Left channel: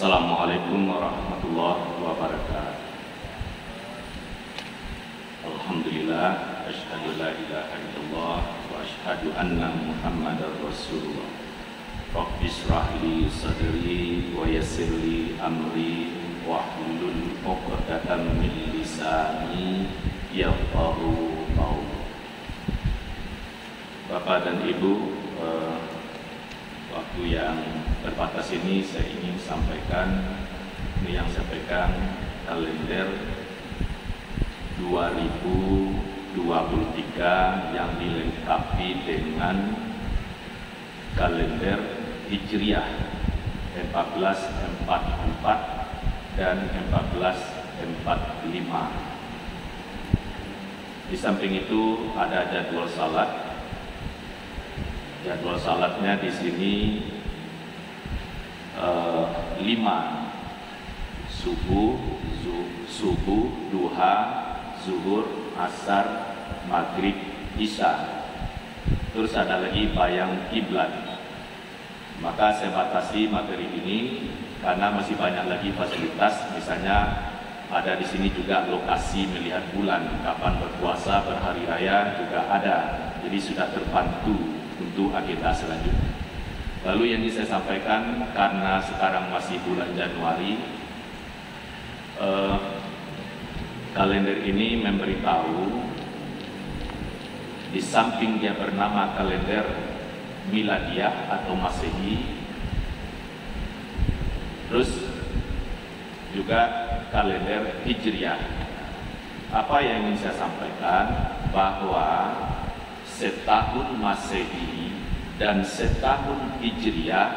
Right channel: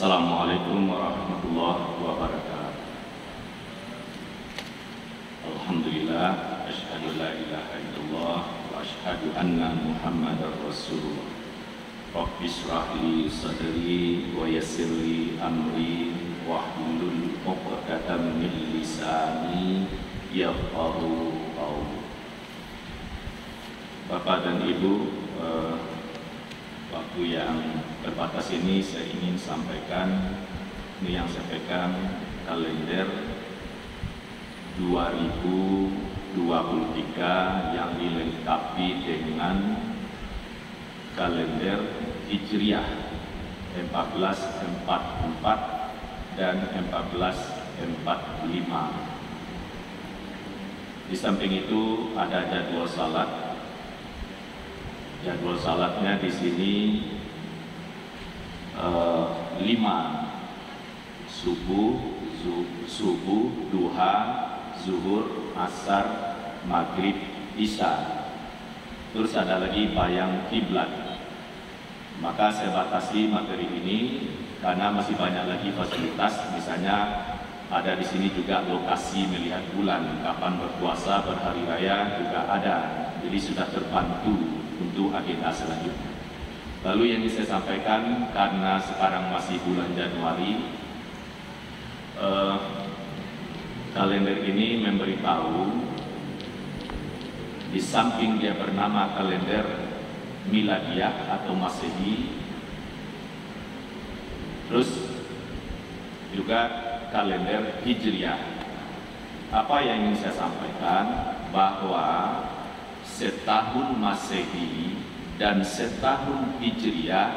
Assalamualaikum warahmatullahi wabarakatuh. Alhamdulillah, asyhadu la ilaha illallah wa asyhadu anna Muhammadar Rasulullah. Rabbi shrah li sadri wa yassir li amri wahlul 'uqdatam min lisani yafqahu qawli. Bapak dan Ibu, waktu yang terbatas ini saya ingin sampaikan, ini yang saya pegang kalender 2023 yang dilengkapi dengan kalender Hijriah 1444 dan 1445. Di samping itu ada jadwal salat. Jadwal salatnya di sini 5: subuh, duha, zuhur, asar, maghrib, isya. Terus ada lagi bayang kiblat. Maka saya batasi materi ini karena masih banyak lagi fasilitas. Misalnya ada di sini juga lokasi melihat bulan, kapan berpuasa, berhari raya juga ada. Jadi sudah terbantu untuk agenda selanjutnya. Lalu yang bisa saya sampaikan, karena sekarang masih bulan Januari, kalender ini memberitahu, di samping dia bernama kalender Miladiah atau Masehi, terus juga kalender Hijriah. Apa yang ingin saya sampaikan, bahwa setahun Masehi dan setahun Hijriah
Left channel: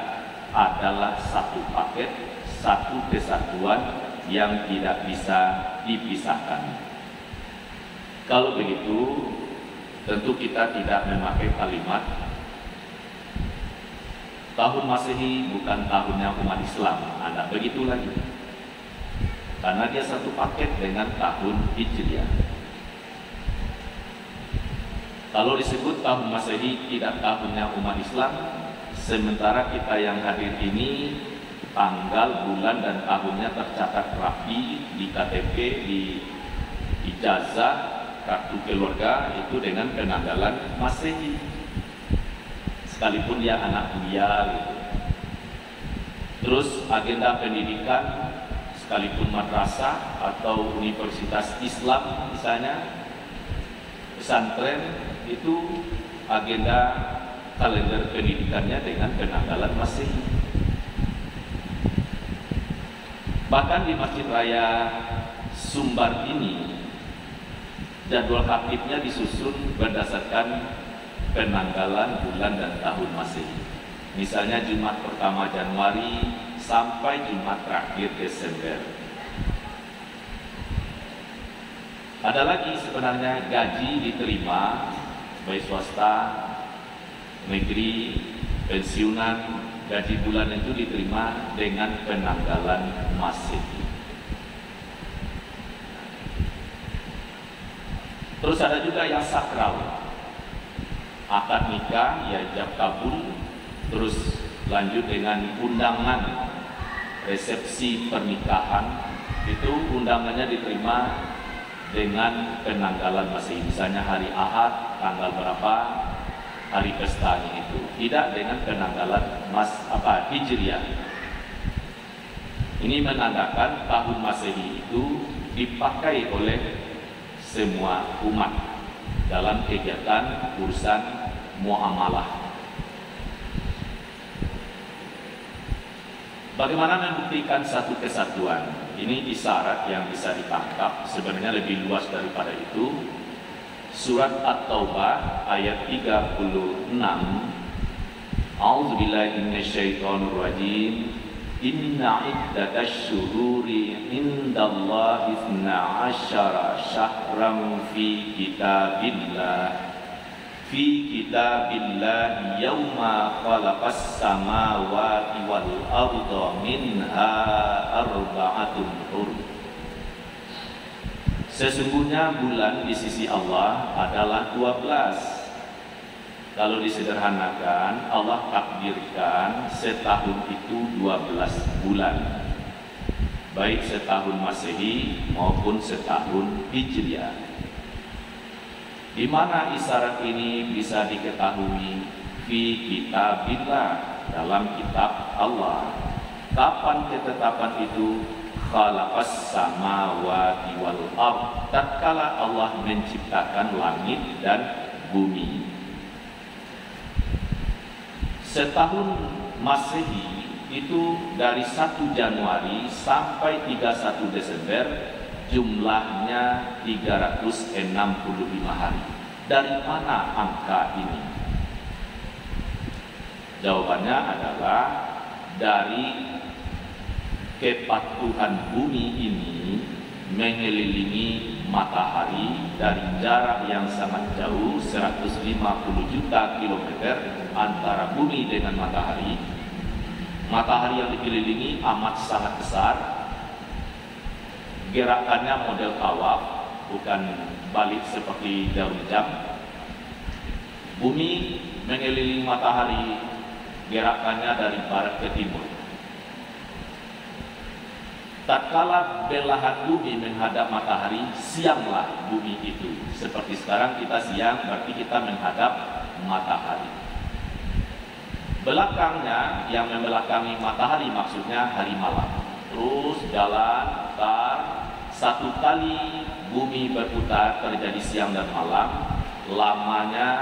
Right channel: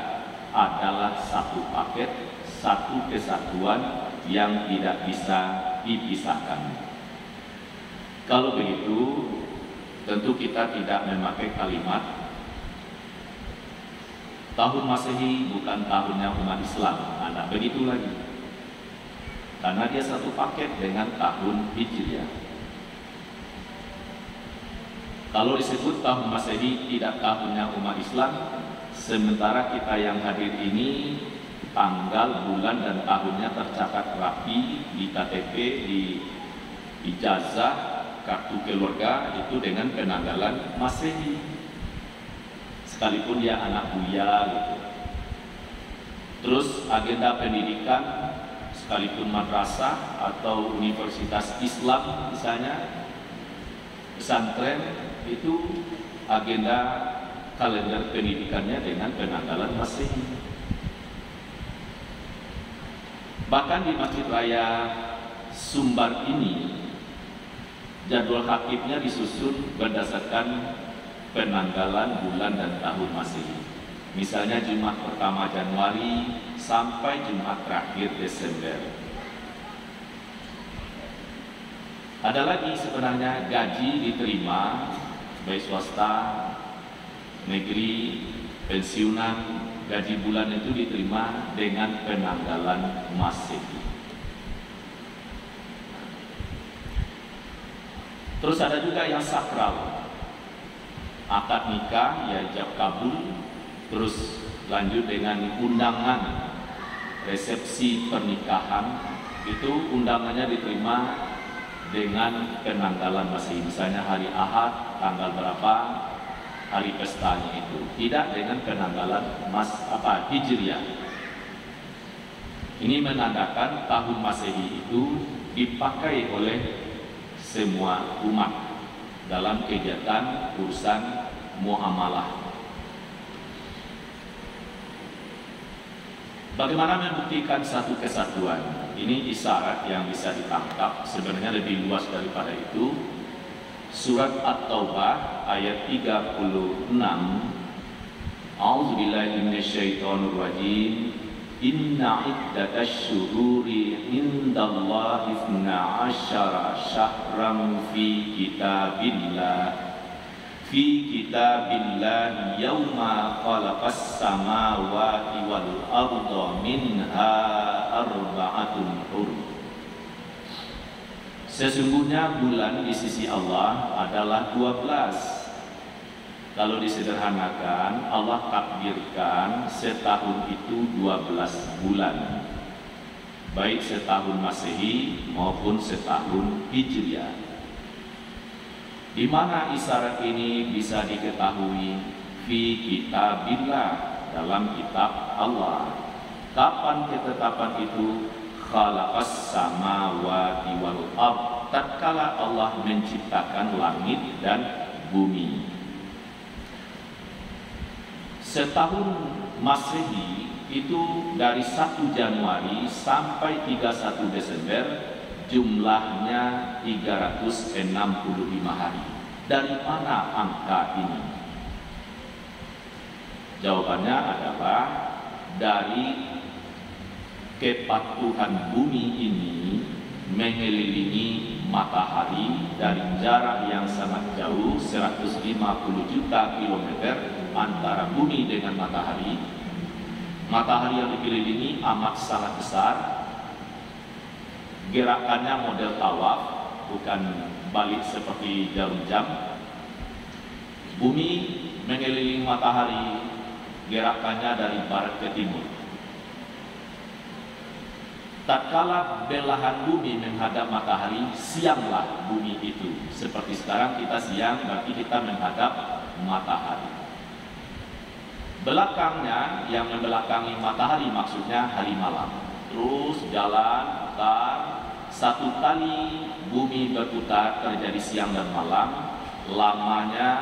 adalah satu paket, satu kesatuan yang tidak bisa dipisahkan. Kalau begitu, tentu kita tidak memakai kalimat tahun Masehi bukan tahunnya umat Islam. Nah, begitu lagi. Karena dia satu paket dengan tahun Hijriah. Kalau disebut tahun Masehi tidak tahunnya umat Islam, sementara kita yang hadir ini tanggal, bulan, dan tahunnya tercatat rapi di KTP, di ijazah, kartu keluarga itu dengan penanggalan Masehi. Sekalipun dia anak buya gitu. Terus agenda pendidikan, sekalipun madrasah atau universitas Islam misalnya, pesantren, itu agenda kalender pendidikannya dengan penanggalan Masehi. Bahkan di Masjid Raya Sumbar ini, jadwal khatibnya disusun berdasarkan penanggalan bulan dan tahun Masehi. Misalnya Jumat pertama Januari sampai Jumat terakhir Desember. Ada lagi sebenarnya gaji diterima baik swasta, negeri, pensiunan, gaji bulan itu diterima dengan penanggalan Masehi. Terus ada juga yang sakral, akad nikah, ijab kabul, terus lanjut dengan undangan resepsi pernikahan, itu undangannya diterima dengan penanggalan Masehi. Misalnya hari Ahad, tanggal berapa, hari pestanya itu, tidak dengan penanggalan Hijriah. Ini menandakan tahun Masehi itu dipakai oleh semua umat dalam kegiatan urusan muamalah. Bagaimana membuktikan satu kesatuan? Ini isyarat yang bisa ditangkap, sebenarnya lebih luas daripada itu. Surat At-Taubah ayat 36. A'udzubillahi minasyaitonirrajim. Inna iddatasy syuhuri indallahi 12 syahran fi kitabillah yauma khalaqas samawati wal arda minha arba'atun hurum. Sesungguhnya bulan di sisi Allah adalah 12. Kalau disederhanakan, Allah takdirkan setahun itu 12 bulan. baik setahun Masehi maupun setahun Hijriah. Di mana isyarat ini bisa diketahui? Fi kitabillah, dalam kitab Allah. Kapan ketetapan itu? Khalaqas samawati wal ard, tatkala Allah menciptakan langit dan bumi. Setahun Masehi itu dari 1 Januari sampai 31 Desember, jumlahnya 365 hari. Dari mana angka ini? Jawabannya adalah dari kepatuhan bumi ini mengelilingi matahari dari jarak yang sangat jauh, 150 juta kilometer antara bumi dengan matahari. Matahari yang dikelilingi amat sangat besar. Gerakannya model tawaf, bukan balik seperti jarum jam. Bumi mengelilingi matahari, gerakannya dari barat ke timur. Tatkala belahan bumi menghadap matahari, sianglah bumi itu. Seperti sekarang kita siang, berarti kita menghadap matahari. Belakangnya, yang membelakangi matahari maksudnya hari malam. Terus jalan, putar. 1 kali bumi berputar terjadi siang dan malam. Lamanya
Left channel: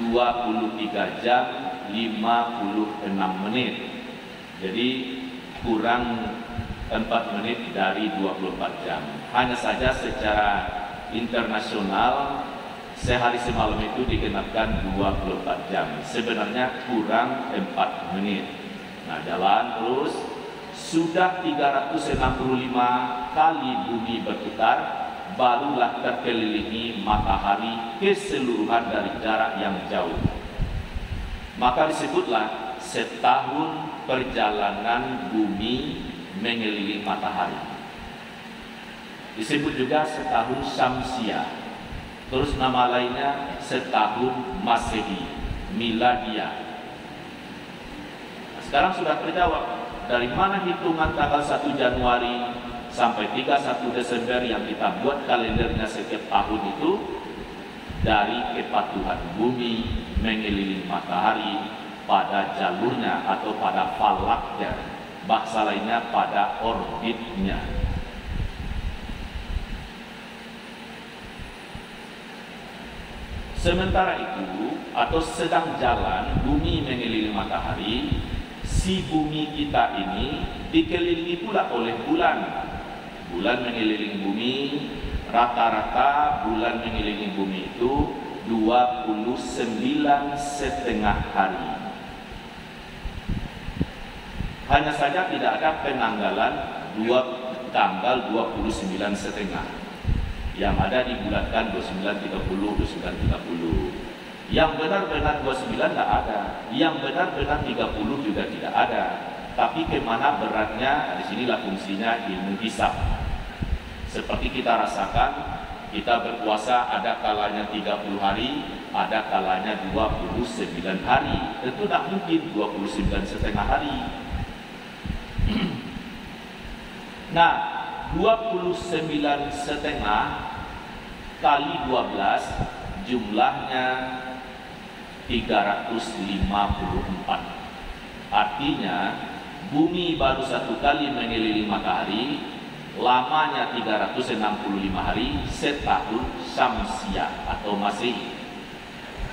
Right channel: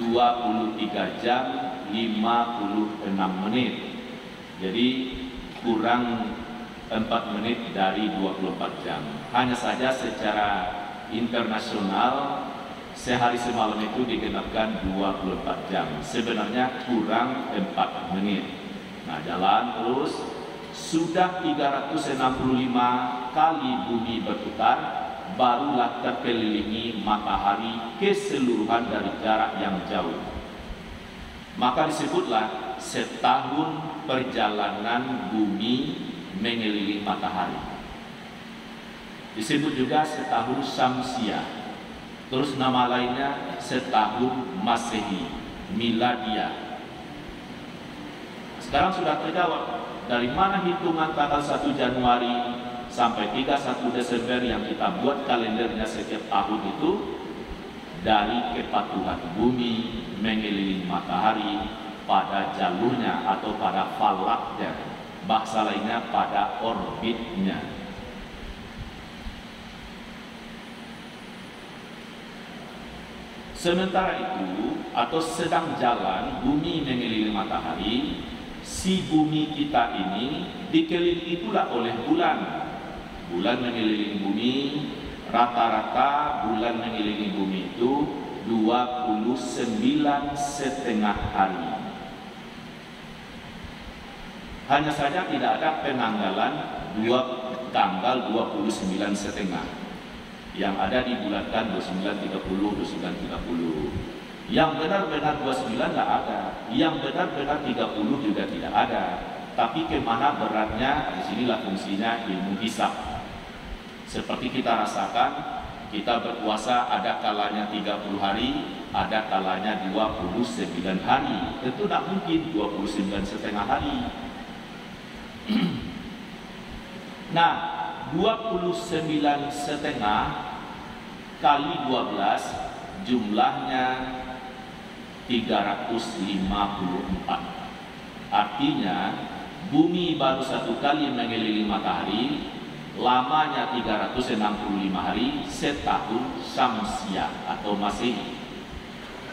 23 jam 56 menit. Jadi kurang 4 menit dari 24 jam. Hanya saja secara internasional sehari semalam itu digenapkan 24 jam. Sebenarnya kurang 4 menit. Nah, jalan terus. Sudah 365 kali bumi berputar, barulah terkelilingi matahari keseluruhan dari jarak yang jauh. Maka disebutlah setahun perjalanan bumi mengelilingi matahari. Disebut juga setahun Syamsiah. Terus nama lainnya setahun Masehi, Miladiah. Nah, sekarang sudah terjawab dari mana hitungan tanggal 1 Januari sampai 31 Desember yang kita buat kalendernya setiap tahun itu. Dari kepatuhan bumi mengelilingi matahari pada jalurnya atau pada falaknya, bahasa lainnya pada orbitnya. Sementara itu, atau sedang jalan bumi mengelilingi matahari, si bumi kita ini dikelilingi pula oleh bulan. Bulan mengelilingi bumi, rata-rata bulan mengelilingi bumi itu 29,5 hari. Hanya saja tidak ada penanggalan tanggal 29,5. Yang ada dibulatkan 29,30, 29,30. Yang benar-benar 29 tidak ada. Yang benar-benar 30 juga tidak ada. Tapi kemana beratnya, disinilah fungsinya ilmu hisab. Seperti kita rasakan, kita berpuasa ada kalanya 30 hari, ada kalanya 29 hari. Tentu tidak mungkin 29,5 hari. Nah, 29,5 kali 12 jumlahnya 354. Artinya bumi baru 1 kali mengelilingi matahari, lamanya 365 hari, setahun Syamsiah atau Masehi.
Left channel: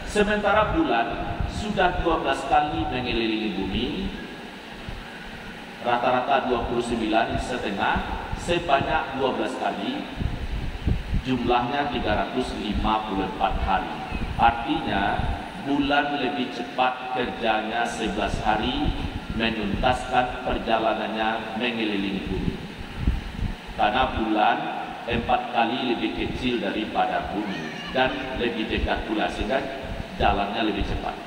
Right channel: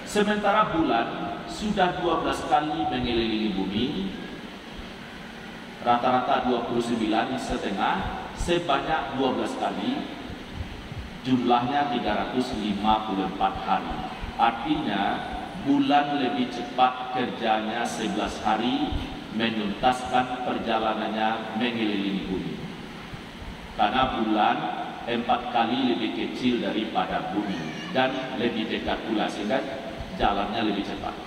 Sementara bulan sudah 12 kali mengelilingi bumi, rata-rata 29,5, sebanyak 12 kali, jumlahnya 354 hari. Artinya bulan lebih cepat kerjanya 11 hari menuntaskan perjalanannya mengelilingi bumi. Karena bulan 4 kali lebih kecil daripada bumi dan lebih dekat pula, sehingga jalannya lebih cepat.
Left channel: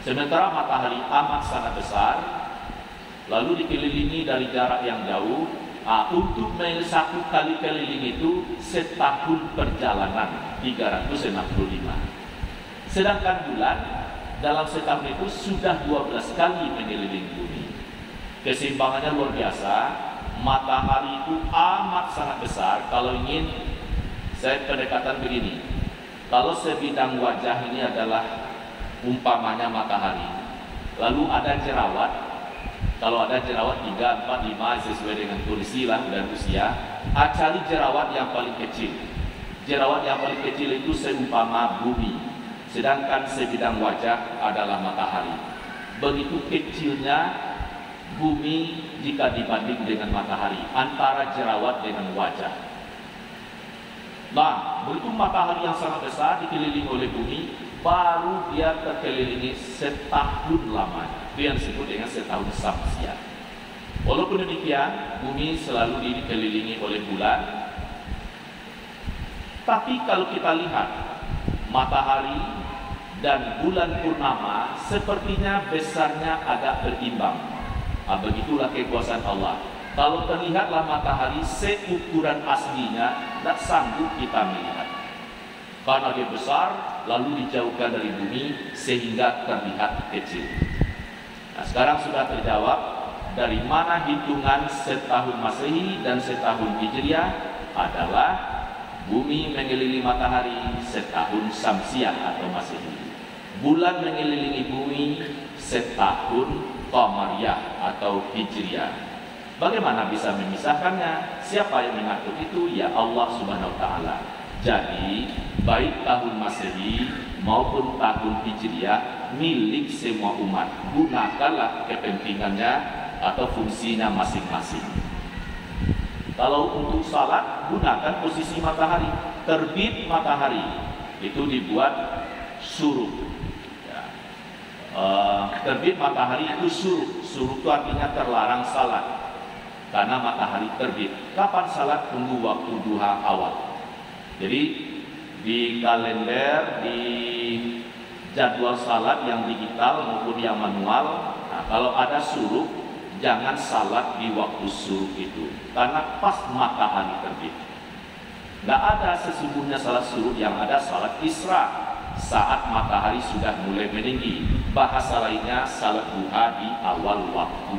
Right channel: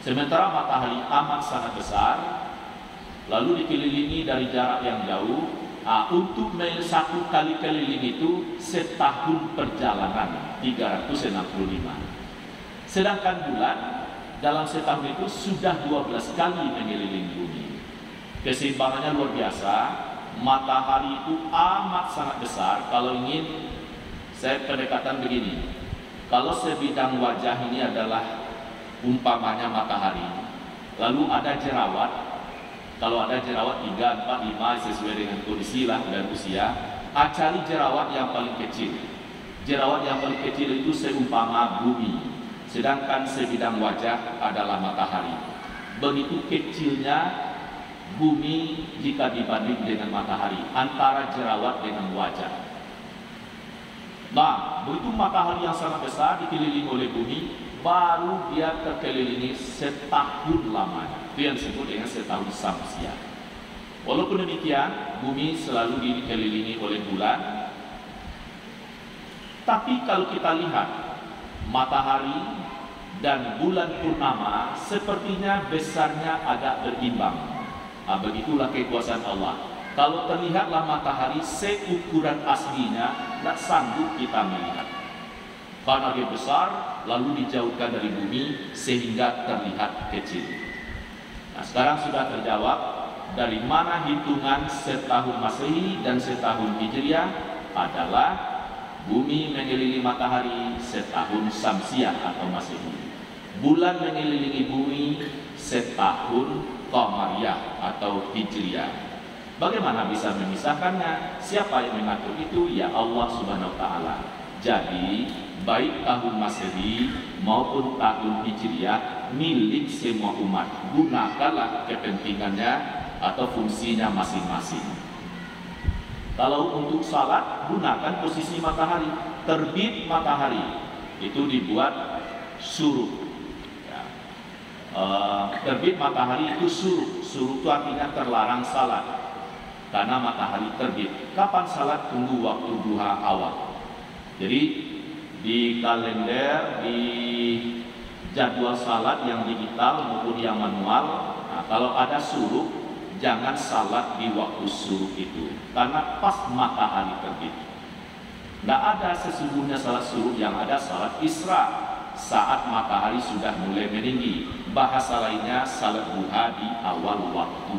Sementara matahari amat sangat besar, lalu dikelilingi dari jarak yang jauh. Untuk 1 kali keliling itu setahun perjalanan, 365. Sedangkan bulan dalam setahun itu sudah 12 kali mengelilingi bumi. Keseimbangannya luar biasa. matahari itu amat sangat besar. Kalau ingin saya pendekatan begini, kalau sebidang wajah ini adalah umpamanya matahari, lalu ada jerawat. Kalau ada jerawat 3, 4, 5 sesuai dengan kondisi lah dan usia, cari jerawat yang paling kecil. Jerawat yang paling kecil itu seumpama bumi, sedangkan sebidang wajah adalah matahari. Begitu kecilnya bumi jika dibanding dengan matahari, antara jerawat dengan wajah. Nah, begitu matahari yang sangat besar dikelilingi oleh bumi, baru dia terkelilingi setahun lamanya. Itu yang disebut dengan setahun samsia. Walaupun demikian, bumi selalu dikelilingi oleh bulan. Tapi kalau kita lihat matahari dan bulan purnama, sepertinya besarnya agak berimbang. Begitulah kekuasaan Allah. Kalau terlihatlah matahari seukuran aslinya, tidak sanggup kita melihat. Karena dia besar, lalu dijauhkan dari bumi sehingga terlihat kecil. Nah, sekarang sudah terjawab dari mana hitungan setahun Masehi dan setahun Hijriah adalah bumi mengelilingi matahari setahun Samsiah atau Masehi. Bulan mengelilingi bumi setahun Qamariyah atau Hijriah. Bagaimana bisa memisahkannya? Siapa yang mengatur itu? Ya Allah Subhanahu wa taala. Jadi, baik tahun Masehi maupun tahun Hijriah milik semua umat. Gunakanlah kepentingannya atau fungsinya masing-masing. Kalau untuk salat, gunakan posisi matahari. Terbit matahari itu dibuat suruh. Terbit matahari itu suruh. Suruh itu artinya terlarang salat karena matahari terbit. Kapan salat? Tunggu waktu duha awal. Jadi di kalender, di jadwal salat yang digital maupun yang manual, nah, kalau ada suruh, jangan salat di waktu suruh itu karena pas matahari terbit. Tidak ada sesungguhnya salat suruh, yang ada salat isra saat matahari sudah mulai meninggi. Bahasa lainnya salat duha di awal waktu.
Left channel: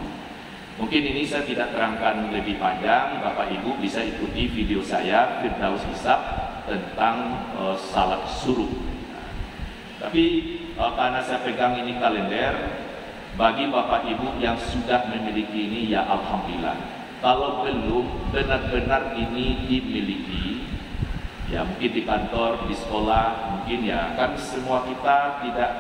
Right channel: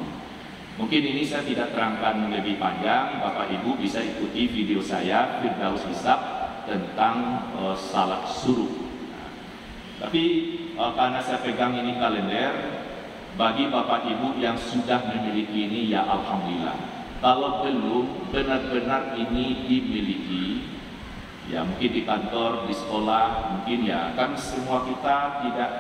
Mungkin ini saya tidak terangkan lebih panjang. Bapak Ibu bisa ikuti video saya Firdaus Hisab tentang salat suruh. Tapi karena saya pegang ini kalender, bagi Bapak Ibu yang sudah memiliki ini, ya Alhamdulillah. Kalau belum benar-benar ini dimiliki, ya mungkin di kantor, di sekolah, mungkin ya kan semua kita tidak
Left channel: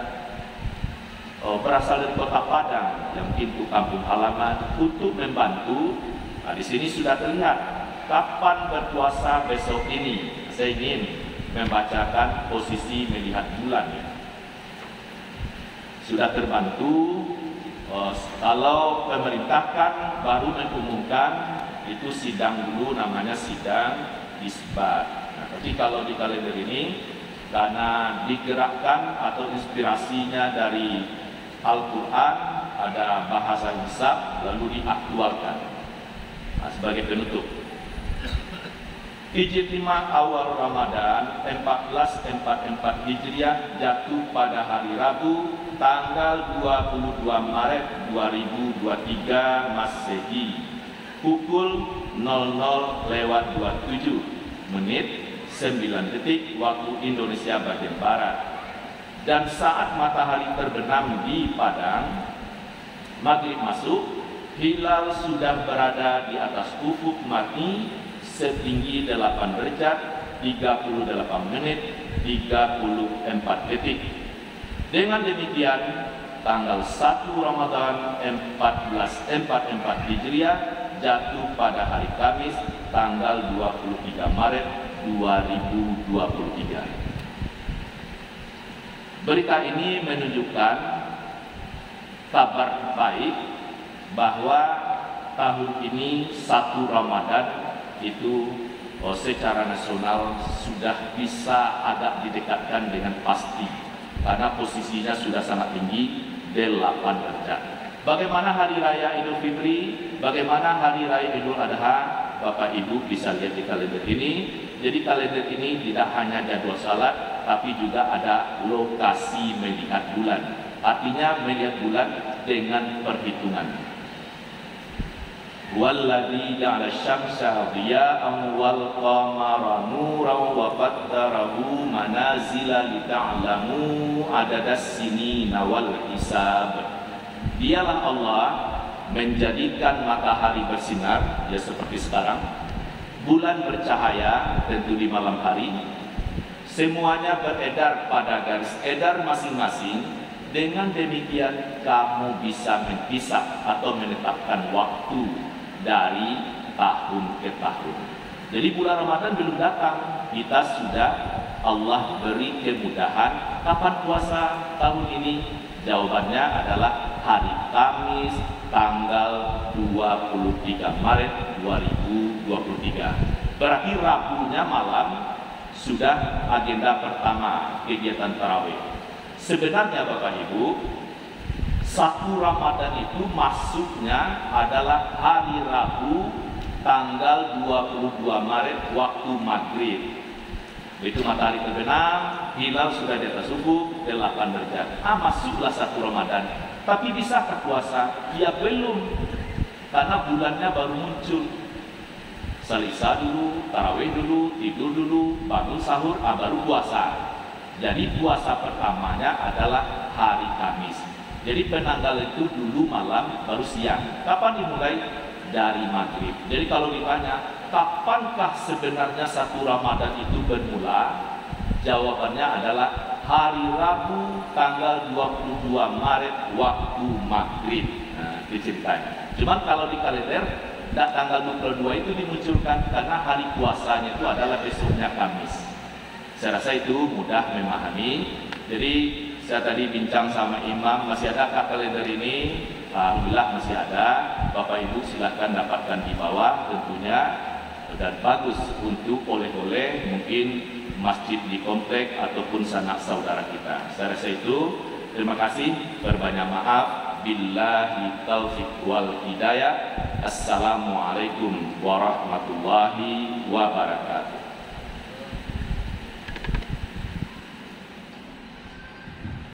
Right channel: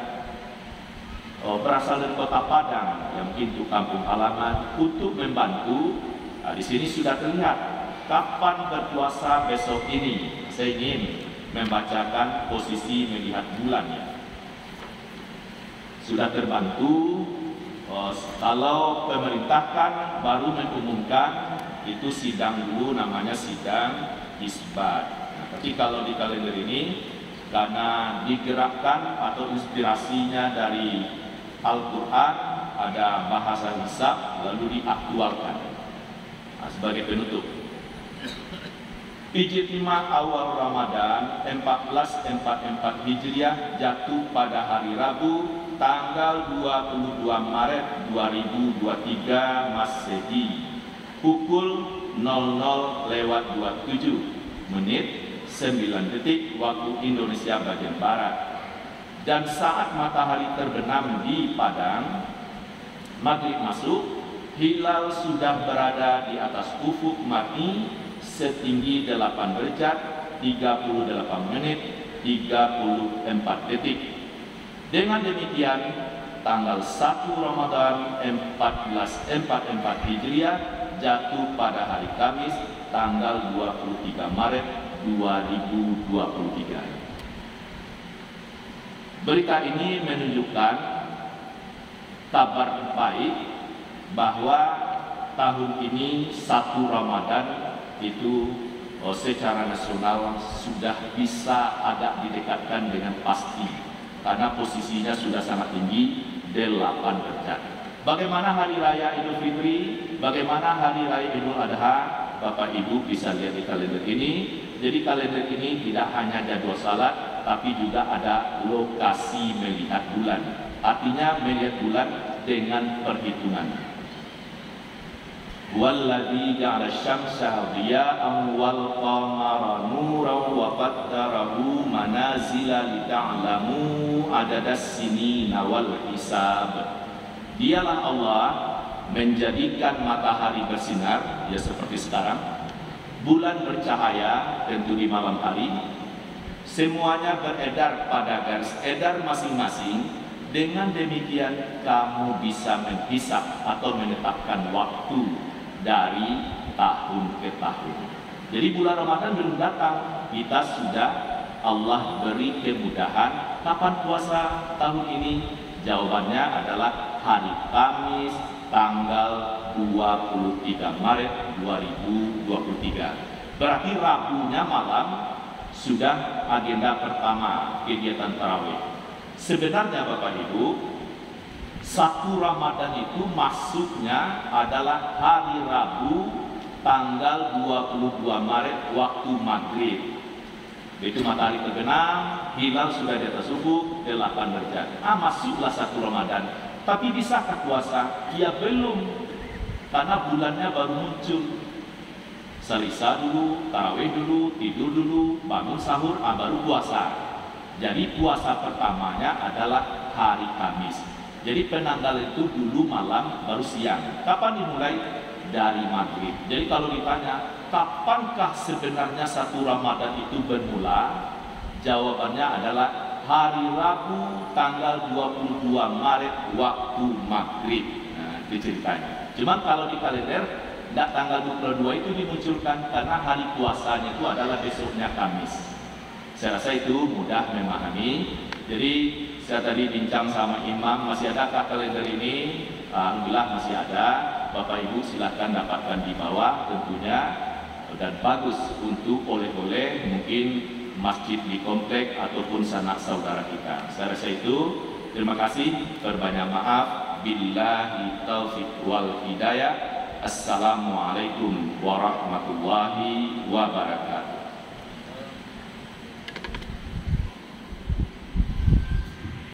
berasal dari kota Padang, yang mungkin itu kampung halaman untuk membantu. Nah, di sini sudah terlihat kapan berpuasa besok ini. Saya ingin membacakan posisi melihat bulannya. Sudah terbantu. Kalau pemerintahkan baru mengumumkan, itu sidang dulu, namanya sidang isbat. Nah, tapi kalau di kalender ini, karena digerakkan atau inspirasinya dari Al-Quran, ada bahasa hisab, lalu diaktualkan. Nah, sebagai penutup, Ijtimah awal Ramadan 1444 Hijriah jatuh pada hari Rabu tanggal 22 Maret 2023 Masehi pukul 00:27 9 detik waktu Indonesia bagian Barat. Dan saat matahari terbenam di Padang, maghrib masuk, hilal sudah berada di atas ufuk mati setinggi 8 derajat 38 menit 34 detik. Dengan demikian, tanggal 1 Ramadan 1444 Hijriah jatuh pada hari Kamis tanggal 23 Maret 2023. Berita ini menunjukkan kabar baik bahwa tahun ini 1 Ramadan itu secara nasional sudah bisa agak didekatkan dengan pasti karena posisinya sudah sangat tinggi 8 derajat. Bagaimana hari raya Idul Fitri, bagaimana hari raya Idul Adha, Bapak Ibu bisa lihat di kalender ini. Jadi kalender ini tidak hanya jadwal salat, tapi juga ada lokasi melihat bulan. Artinya melihat bulan dengan perhitungan. Walladzi ja'ala asy-syamsa dhiya'an wal qamara nuran wa qaddarahu manazila lita'lamu adadas sinina wal hisab. Dialah Allah menjadikan matahari bersinar, ya seperti sekarang, bulan bercahaya tentu di malam hari, semuanya beredar pada garis edar masing-masing. Dengan demikian kamu bisa menghisab atau menetapkan waktu dari tahun ke tahun. Jadi bulan Ramadan belum datang, kita sudah Allah beri kemudahan. Kapan puasa tahun ini? Jawabannya adalah hari Kamis tanggal 23 Maret 2023. Berarti Rabunya malam sudah agenda pertama kegiatan tarawih. Sebenarnya Bapak Ibu, satu Ramadan itu masuknya adalah hari Rabu tanggal 22 Maret waktu maghrib. Itu matahari terbenam, hilal sudah di atas ufuk, 8 derajat. Masuklah satu Ramadan. Tapi bisakah puasa? Ya belum, karena bulannya baru muncul. Salisa dulu, tarawih dulu, tidur dulu, bangun sahur, baru puasa. Jadi puasa pertamanya adalah hari Kamis. Jadi penanggal itu dulu malam baru siang. Kapan dimulai? Dari maghrib. Jadi kalau ditanya kapankah sebenarnya satu Ramadan itu bermula, jawabannya adalah hari Rabu tanggal 22 Maret waktu maghrib. Nah, itu ceritanya. Cuman kalau di kalender tanggal 22 itu dimunculkan karena hari puasanya itu adalah besoknya Kamis. Saya rasa itu mudah memahami. Jadi saya tadi bincang sama Imam, masih ada kalender ini? Alhamdulillah masih ada. Bapak Ibu silahkan dapatkan di bawah tentunya. Dan bagus untuk oleh-oleh mungkin masjid di komplek ataupun sanak saudara kita. Saya rasa itu. Terima kasih. Berbanyak maaf. Billahi taufiq wal hidayah. Assalamualaikum warahmatullahi wabarakatuh.